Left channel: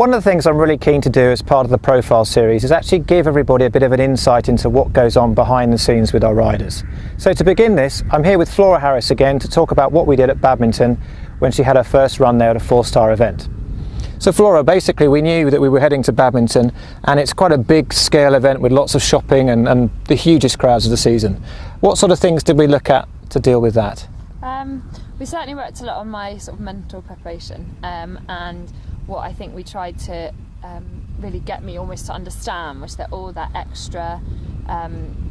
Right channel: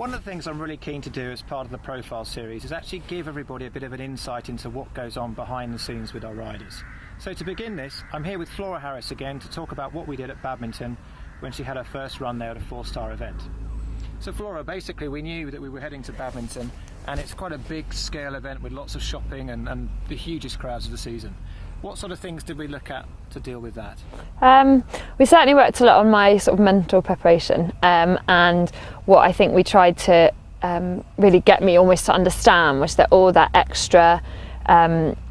One of the things I'm really keen to do as part of the profile series is actually give everybody a bit of an insight into what goes on behind the scenes with our riders. So to begin this, I'm here with Flora Harris again to talk about what we did at Badminton when she had her first run there at a 4-star event. So Flora, basically we knew that we were heading to Badminton, and it's quite a big scale event with lots of shopping and the hugest crowds of the season. What sort of things did we look at to deal with that? We certainly worked a lot on my sort of mental preparation, and what I think we tried to really get me almost to understand was that all that extra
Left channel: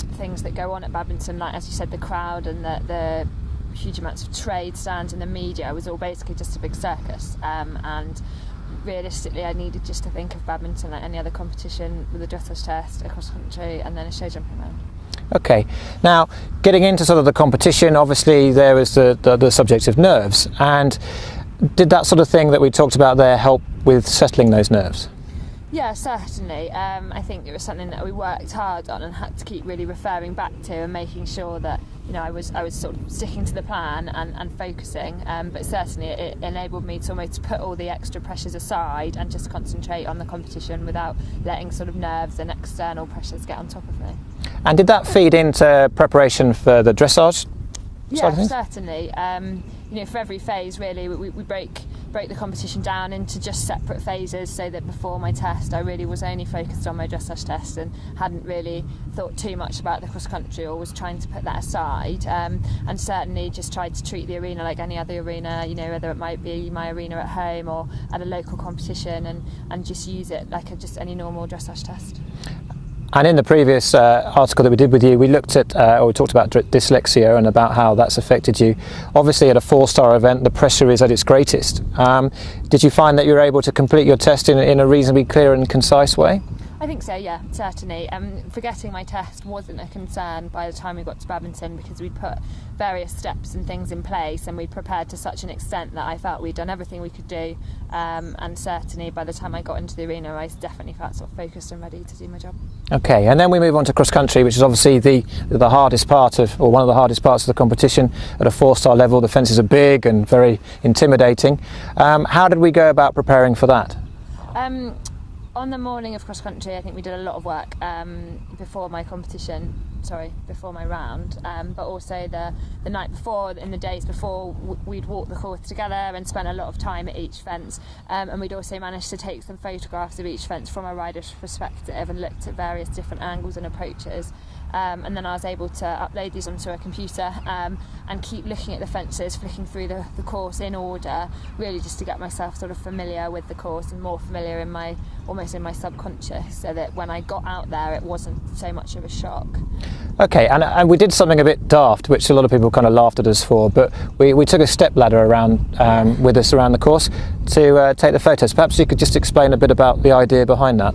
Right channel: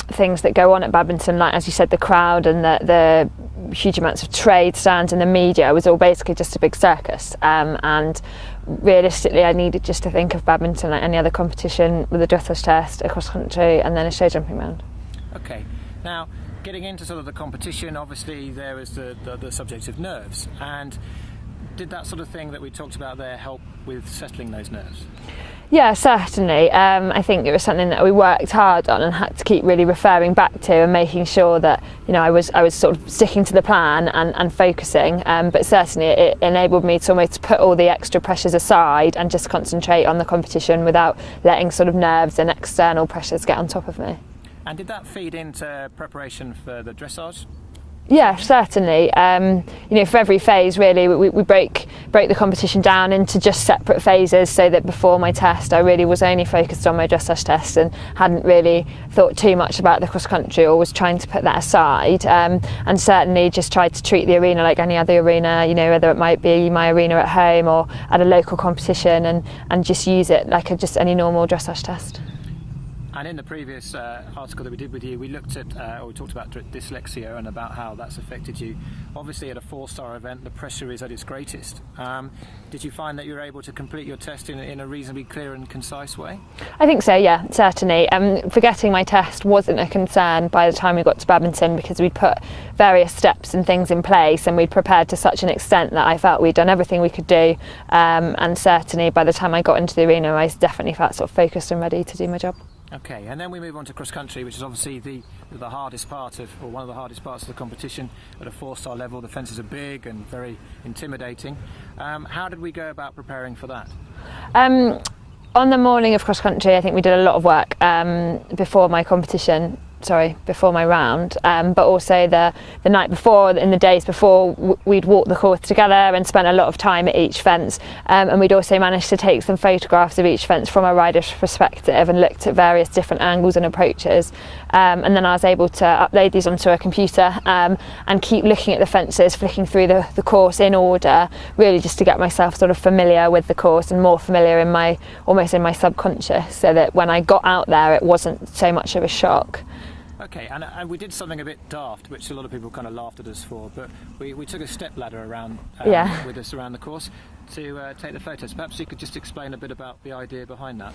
things that go on at Badminton, like as you said, the crowd and the huge amounts of trade stands and the media, was all basically just a big circus, and realistically I needed just to think of Badminton like any other competition, with a dressage test, a cross country and then a show jumping round. Okay, now getting into sort of the competition, obviously there was the subject of nerves, and did that sort of thing that we talked about there help with settling those nerves? Yeah, certainly. I think it was something that we worked hard on and had to keep really referring back to and making sure that, you know, I was sort of sticking to the plan and focusing, but certainly it enabled me to almost put all the extra pressures aside and just concentrate on the competition without letting sort of nerves and external pressures get on top of me. And did that feed into preparation for the dressage? Yeah, certainly. You know, for every phase really, we break the competition down into just separate phases, so that before my test I really was only focused on my dressage test and hadn't really thought too much about the cross country, or was trying to put that aside, and certainly just tried to treat the arena like any other arena, you know, whether it might be my arena at home or at a local competition, and just use it like just any normal dressage test. And in the previous article that we did with you, we looked at, or we talked about dyslexia and about how that's affected you. Obviously at a 4-star event, the pressure is at its greatest. Did you find that you were able to complete your test in a reasonably clear and concise way? I think so, yeah, certainly. Forgetting my test wasn't a concern by the time we got to Badminton, because we'd put various steps and things in place and we'd prepared to such an extent that I felt we'd done everything we could do, and certainly by the time I got into the arena I definitely felt sort of focused and ready to do my job. Okay, and then we move on to cross country, which is obviously the hardest part of, or one of the hardest parts of the competition. At a 4-star level, the fences are big and very intimidating. How did we go about preparing for that? On the morning of cross country, I think we did a lot of work before my round, but also the night before, in the days before, we'd walked the course together and spent a lot of time at each fence, and we'd also managed to take some photographs of each fence from a rider's perspective and looked at various different angles and approaches, and then I was able to upload these onto a computer and keep looking at the fences, flicking through the course in order, really just to get myself sort of familiar with the course and more familiar almost in my subconscious, so that when I got out there it wasn't so much of a shock. Okay, and we did something a bit daft, which a lot of people kind of laughed at us for, but we took a step ladder around with us around the course to take the photos. Perhaps you could just explain a bit about the idea behind that.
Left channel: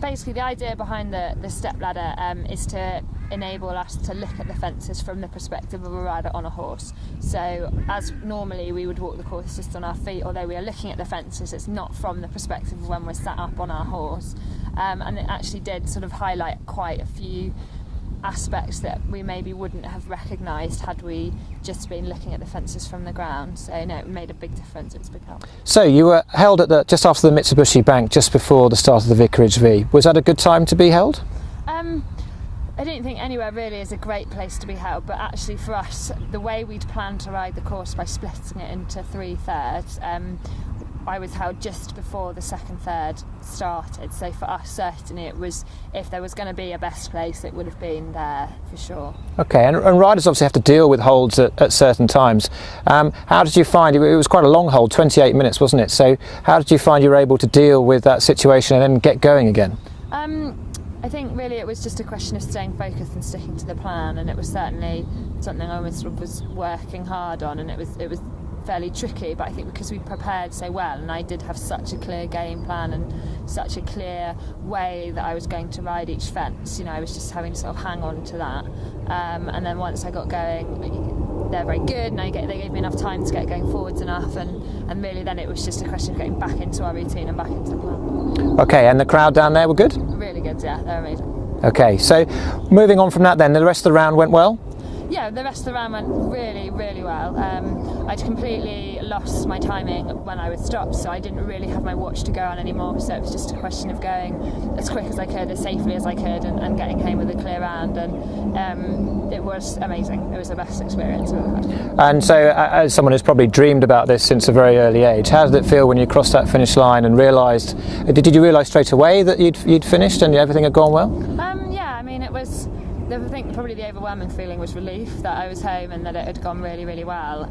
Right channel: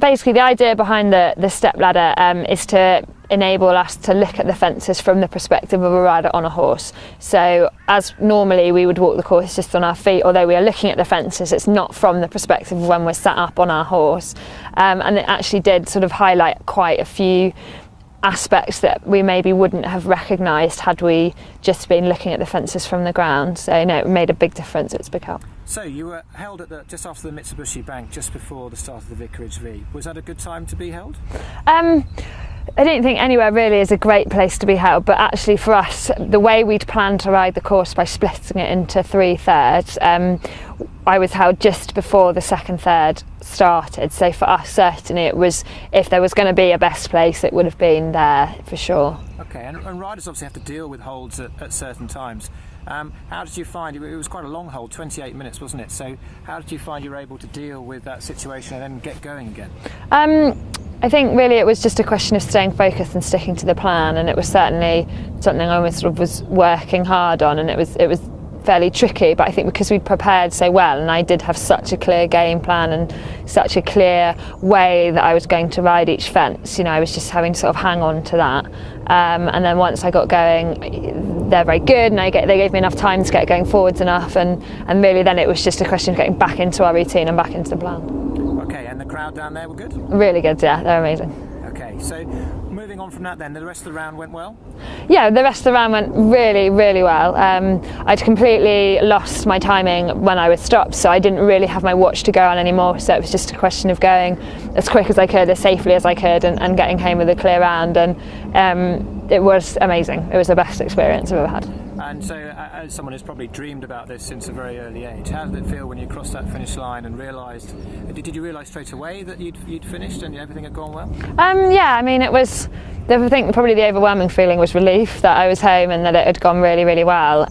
Basically the idea behind the step ladder is to enable us to look at the fences from the perspective of a rider on a horse. So as normally we would walk the course just on our feet, although we are looking at the fences, it's not from the perspective of when we're sat up on our horse, and it actually did sort of highlight quite a few aspects that we maybe wouldn't have recognised had we just been looking at the fences from the ground. So no, it made a big difference. It's a big help. So you were held at just after the Mitsubishi Bank, just before the start of the Vicarage V. Was that a good time to be held? I don't think anywhere really is a great place to be held, but actually for us, the way we'd planned to ride the course by splitting it into 3 thirds, I was held just before the second third started. So for us, certainly it was, if there was going to be a best place, it would have been there for sure. Okay, and riders obviously have to deal with holds at certain times. How did you find, it was quite a long hold, 28 minutes, wasn't it? So how did you find you were able to deal with that situation and then get going again? I think really it was just a question of staying focused and sticking to the plan, and it was certainly something I was sort of working hard on, and it was fairly tricky, but I think because we prepared so well and I did have such a clear game plan and such a clear way that I was going to ride each fence, you know, I was just having to sort of hang on to that, and then once I got going, they're very good and they gave me enough time to get going forwards enough, and really then it was just a question of getting back into our routine and back into the plan. Okay, and the crowd down there were good? Really good, yeah, they're amazing. Okay, so moving on from that then, the rest of the round went well? Yeah, the rest of the round went really, really well. I'd completely lost my timing when I was stopped, so I didn't really have my watch to go on anymore, so it was just a question of going as quick as I could, as safely as I could, and getting home with a clear round, and it was amazing. It was the best experience I've ever had. And so, as someone who's probably dreamed about this since a very early age, how did it feel when you crossed that finish line and realised, did you realise straight away that you'd finished and everything had gone well? Yeah, I mean, it was, I think probably the overwhelming feeling was relief that I was home and that it had gone really, really well.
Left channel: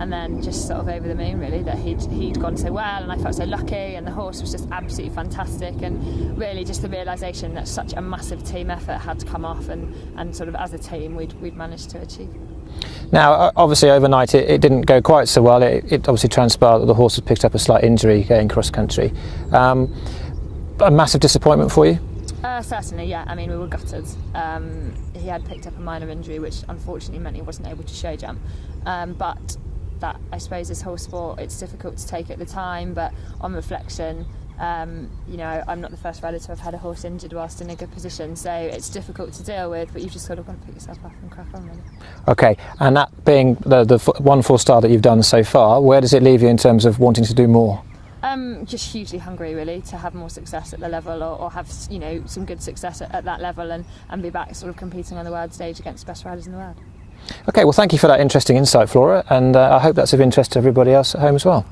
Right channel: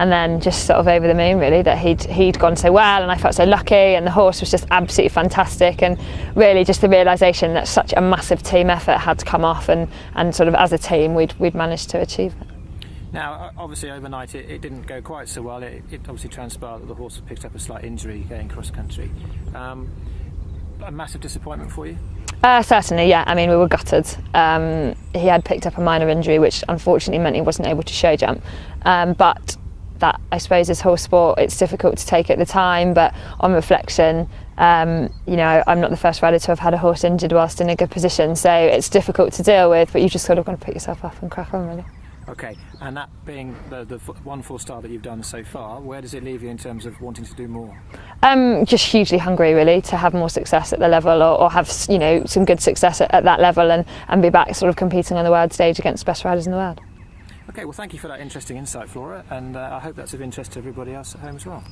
And then just sort of over the moon really that he'd gone so well, and I felt so lucky, and the horse was just absolutely fantastic, and really just the realisation that such a massive team effort had to come off, and sort of as a team we'd managed to achieve it. Now, obviously overnight it didn't go quite so well. It obviously transpired that the horse had picked up a slight injury going cross country. A massive disappointment for you? Certainly, yeah. I mean, we were gutted. He had picked up a minor injury, which unfortunately meant he wasn't able to show jump. But that, I suppose, is horse sport. It's difficult to take at the time, but on reflection, I'm not the first rider to have had a horse injured whilst in a good position, so it's difficult to deal with, but you just sort of got to pick yourself up and crack on, really. Okay, and that being the one 4-star that you've done so far, where does it leave you in terms of wanting to do more? Just hugely hungry, really, to have more success at the level, or have some good success at that level, and be back sort of competing on the world stage against the best riders in the world. Okay, well, thank you for that interesting insight, Flora, and I hope that's of interest to everybody else at home as well.